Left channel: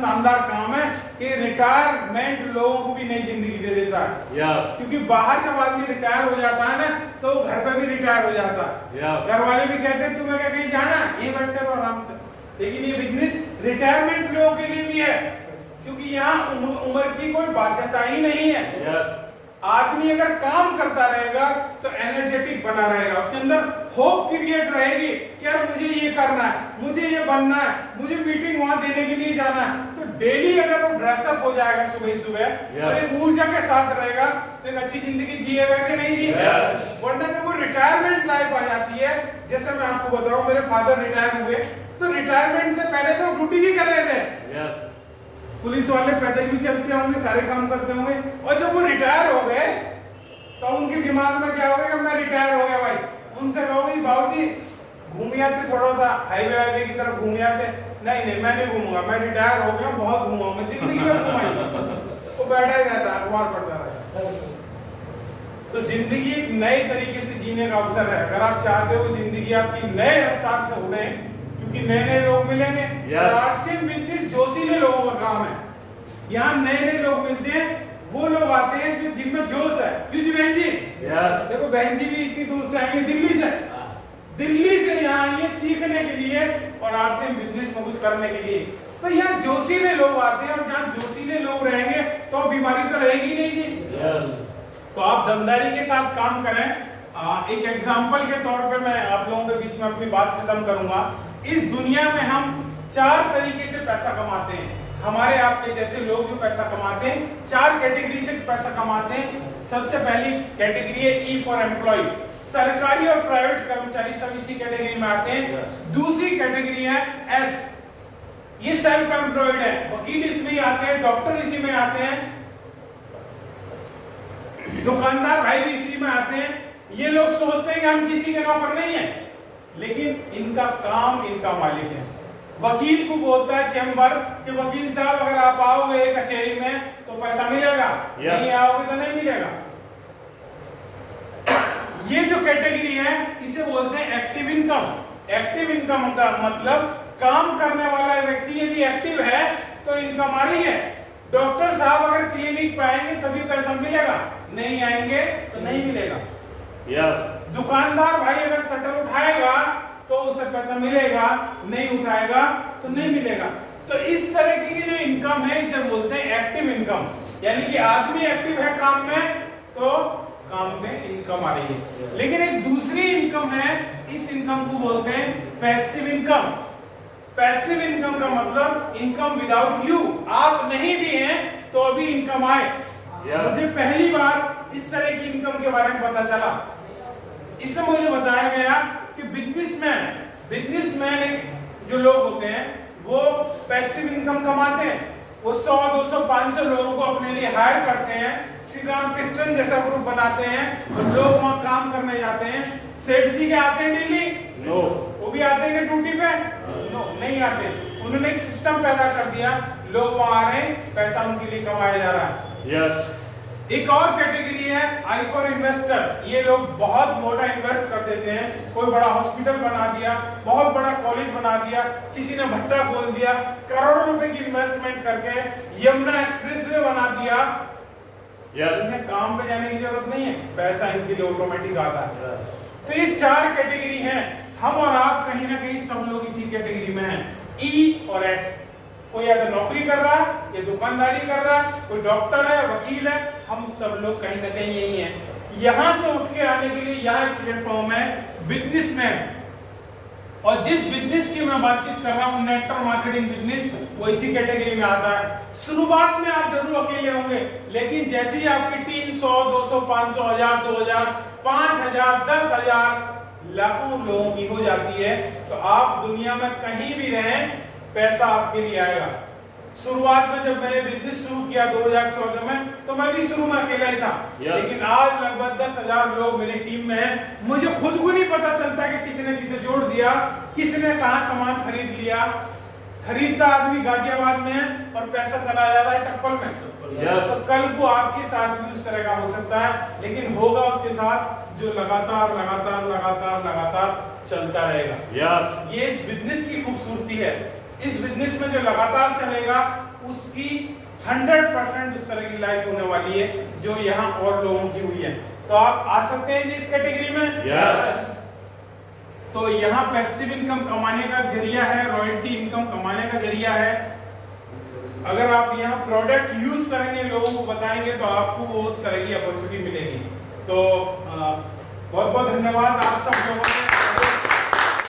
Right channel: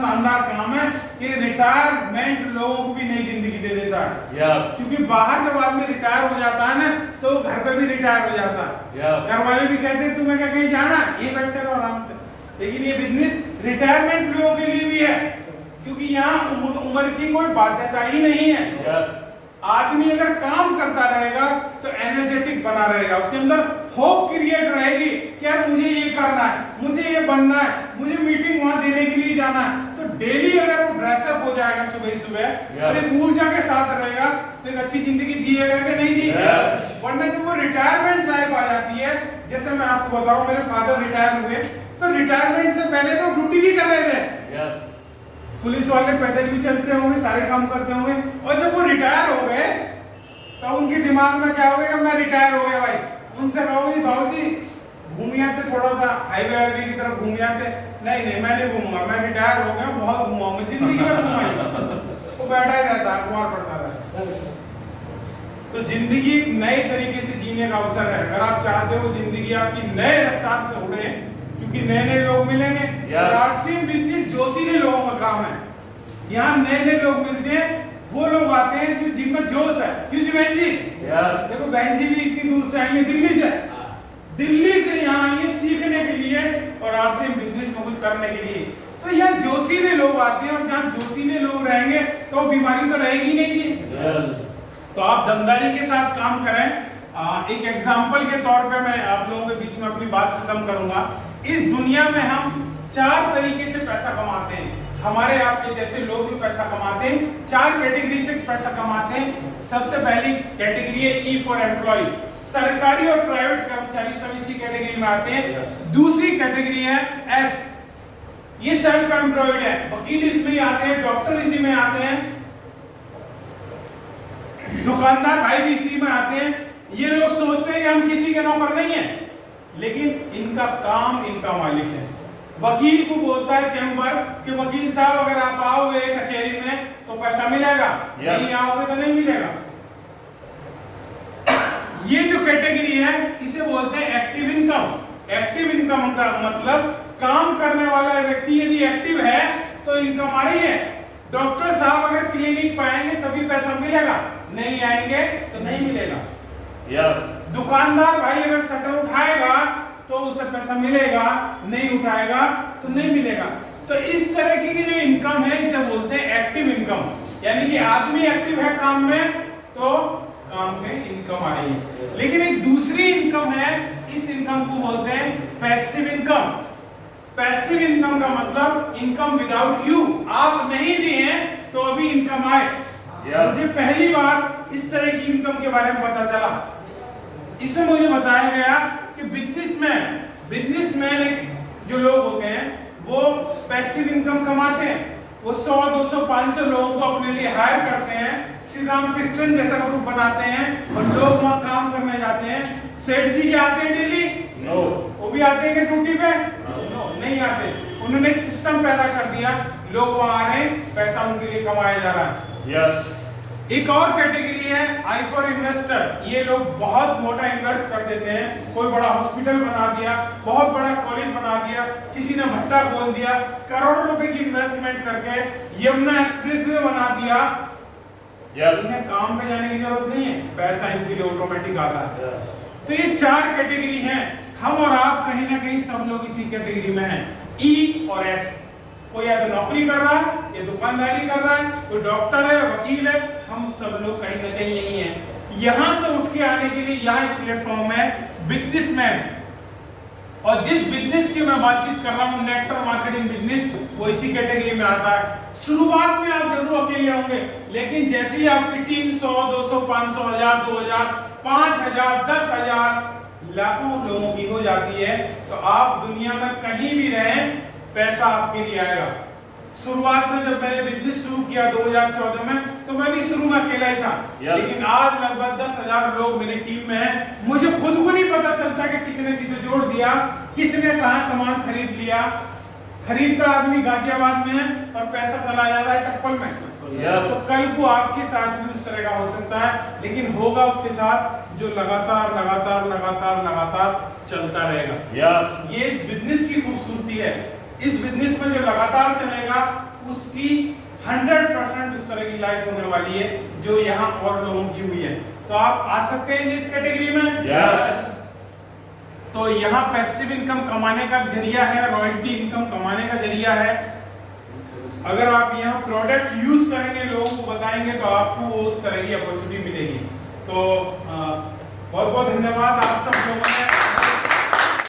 शानदार काम है कि रिटायरमेंट लोगों को भी नई जिंदगी दे देता है। क्योंकि बाहर जब आदमी रिटायर हो जाता है ना तो घर पे भी रिटायर हो जाता है। घर वाले भी कहते हैं तुम्हें क्या कहीं जाना, ये बैठे रहो आराम से। लेकिन ये बिजनेस रिटायरमेंट लोगों के लिए भी है, क्योंकि यहाँ उम्र की कोई बाध्यता ही नहीं है। आदमी अगर काम करता रहेगा तो एनर्जेटिक बना रहेगा, उसके अंदर होप क्रिएट रहेगी कि यार मुझे ये करना है, मुझे ये बनना है, मुझे मीटिंग वहां देने के लिए जाना है। तो डेली अगर वो ड्रेसअप हो जाएगा सुबह सुबह और एक ऊर्जा के साथ रहेगा तो एक अच्छी जिंदगी जिएगा कि नहीं जिएगा। वरना जब वो रिटायरमेंट लाइफ आ जाती है, जैसे मैं आपको बताऊं मेरे फादर रिटायर हुए तो रिटायरमेंट से पहले तो ड्यूटी भी कर रहे थे। पुलिस वाले पैदल भी चलते होंगे, सारे काम करते होंगे, और जब वो रिटायर हो गए तो उनके दिमाग में क्या हो गया, मैं रिटायर हो गया भाई। उनसे कहोगे बाबूजी घूम आते, थोड़ा सा हाईवे वाईवे की तरफ घूम आते, नहीं मैं नहीं घूमूंगा, मैं रिटायर हो गया, बहुत घूमा मैं जिंदगी में घुमाई। वो बैठा ही रहता, अखबार पढ़ता रहता। तो जिंदगी एक नए तरीके से जीने का अवसर है। अगर आप चाहते हो जिंदगी आपकी नए रफ्तार से उड़े, क्योंकि नए नए लोग मिलेंगे। आरसीएम बिजनेस जोशीले लोगों का काम है। यहाँ नए लोग मिलते हैं, वो लोग आते हैं जो जिनमें जोश है। क्यों जी बहन जी? देखो बहन जी भी इतनी दूर से आई है, दिल्ली से यहाँ आई है सीखने के लिए और आरसीएम बिजनेस में कुछ करने के लिए। तो यहाँ जोशीले लोग आते हैं, और जहाँ जोशीले लोग रहेंगे तो बीमारी तो रहेगी नहीं जी। तो आप दमदारी के साथ काम करें। एक एग्जाम्पल के तौर पे मैं आप लोगों के बीच में अपनी बात खत्म करूंगा। इस दुनिया में हम 4 तरीके से पैसा कमाते हैं। हमारे आपके जैसे लोग भी पैसा कमाते हैं, 4 कैटेगरी से पैसा कमाते हैं। सबसे पहली कैटेगरी है ई फॉर एम्प्लॉय, सरकारी और प्राइवेट कर्मचारी सब इसी कैटेगरी में आते हैं। दूसरी कैटेगरी है एस, ये सेल्फ एम्प्लॉयड है, वकील इसमें ही आते हैं, डॉक्टर इसी में आते हैं, दुकानदार भाई भी इसी में आते हैं। ये लोग सोचते हैं कि हम किसी के नौकर नहीं है, लेकिन इनका काम इनका मालिक है। वकील को बोलता है चेंबर कि वकील साहब अगर आप आओगे कचहरी में तो पैसा मिलेगा, नहीं आओगे तो नहीं मिलेगा। ये जो कैटेगरी है इसे बोलते हैं एक्टिव इनकम। एक्टिव इनकम का मतलब काम करने वाला व्यक्ति यदि एक्टिव है तो इनकम आ रही है। डॉक्टर साहब अगर क्लिनिक पे आएंगे तभी पैसा मिलेगा, नहीं आएंगे तो नहीं मिलेगा। दुकानदार भाई अगर शटर उठाएगा तो उसे पैसा मिलेगा, नहीं उठाएगा तो नहीं मिलेगा। तो इस तरह की जो इनकम है इसे बोलते हैं एक्टिव इनकम, यानी कि आदमी एक्टिव है काम में तो काम में इनकम आ रही है। लेकिन एक दूसरी इनकम है, इस इनकम को बोलते हैं पैसिव इनकम। पैसिव इनकम का मतलब इनकम विदाउट यू, आप नहीं दिए तो अभी इनकम आए। मुझे पहली बार इस तरह की इनकम के बारे में पता चला। इसमें मुझे बताया गया कि बिजनेसमैन जो लोग होते हैं वो पैसिव इनकम कमाते हैं। वो 100, 200, 500 लोगों को अपने लिए हायर करते हैं, श्री राम कृष्ण जैसा ग्रुप बनाते हैं और लोग वहां काम करने जाते हैं। सेठ जी के आते हैं डेली? वो भी आते हैं ड्यूटी पे? नहीं आते। उन्होंने एक सिस्टम पैदा कर दिया, लोग वहां आ रहे हैं, पैसा उनके लिए कमाया जा रहा है। एक और कैटेगरी है आई फॉर इन्वेस्टर। ये लोग बहुत मोटा इन्वेस्ट कर देते हैं, कोई बड़ा हॉस्पिटल बना दिया, बहुत बड़ा कॉलेज बना दिया, किसी ने भट्टा खोल दिया, करोड़ों रुपए की इन्वेस्टमेंट करके यमुना एक्सप्रेसवे बना दिया। इन्हें काम पे जाने की जरूरत नहीं है, पैसा इनके लिए ऑटोमेटिक आता है। तो ये 4 कैटेगरी हैं। हम और आप कहीं ना कहीं सब लोग इसी कैटेगरी में हैं, ई और एस। कोई या तो नौकरी कर रहा है, या दुकानदारी कर रहा है, कोई डॉक्टर है, वकील है, हम सब लोग कहीं ना कहीं नहीं है। यहां से उठ के आने के लिए यहाँ एक प्लेटफॉर्म है बिजनेसमैन, और जिस बिजनेस की मैं बातचीत कर रहा हूँ नेटवर्क मार्केटिंग बिजनेस, वो इसी कैटेगरी में आता है। शुरुआत में आप जरूर अकेले होंगे, लेकिन जैसे ही आपकी टीम 100, 200, 500, 1000, 2000, 5000, 10,000 लाखों लोगों की हो जाती है, तो आप दुनिया में कहीं भी रहें पैसा आपके लिए आएगा। शुरुआत में जब मैंने बिजनेस शुरू किया 2014 में, तो मैं भी शुरू में अकेला ही था। लेकिन आज लगभग 10,000 लोग मेरी टीम में हैं। मुझे खुद को नहीं पता चलता कि किसने किसे जोड़ दिया, किसने कहां सामान खरीद लिया। खरीदता आदमी गाजियाबाद में है और पैसा चला जाता है टप्पल में। तो कल को आपके साथ भी उस तरह का हो सकता है, लेकिन होगा उसके साथ जो लगातार लगातार लगातार लगातार चलता रहेगा। ये इस बिजनेस की खूबसूरती है। इस बिजनेस में जो लगातार चलेगा उसकी 100% उस तरह की लाइफ होने वाली है जो यहाँ और लोगों की हुई है। तो आप आ सकते हैं इस कैटेगरी में। यस। तो यहाँ पैसिव इनकम कमाने का जरिया है, रॉयल्टी इनकम कमाने का जरिया है। अगर आप यहाँ प्रोडक्ट यूज करेंगे, लोगों को बताएंगे, तो आपको वो उस तरह की अपॉर्चुनिटी मिलेगी। तो बहुत बहुत धन्यवाद आप सब लोगों ने।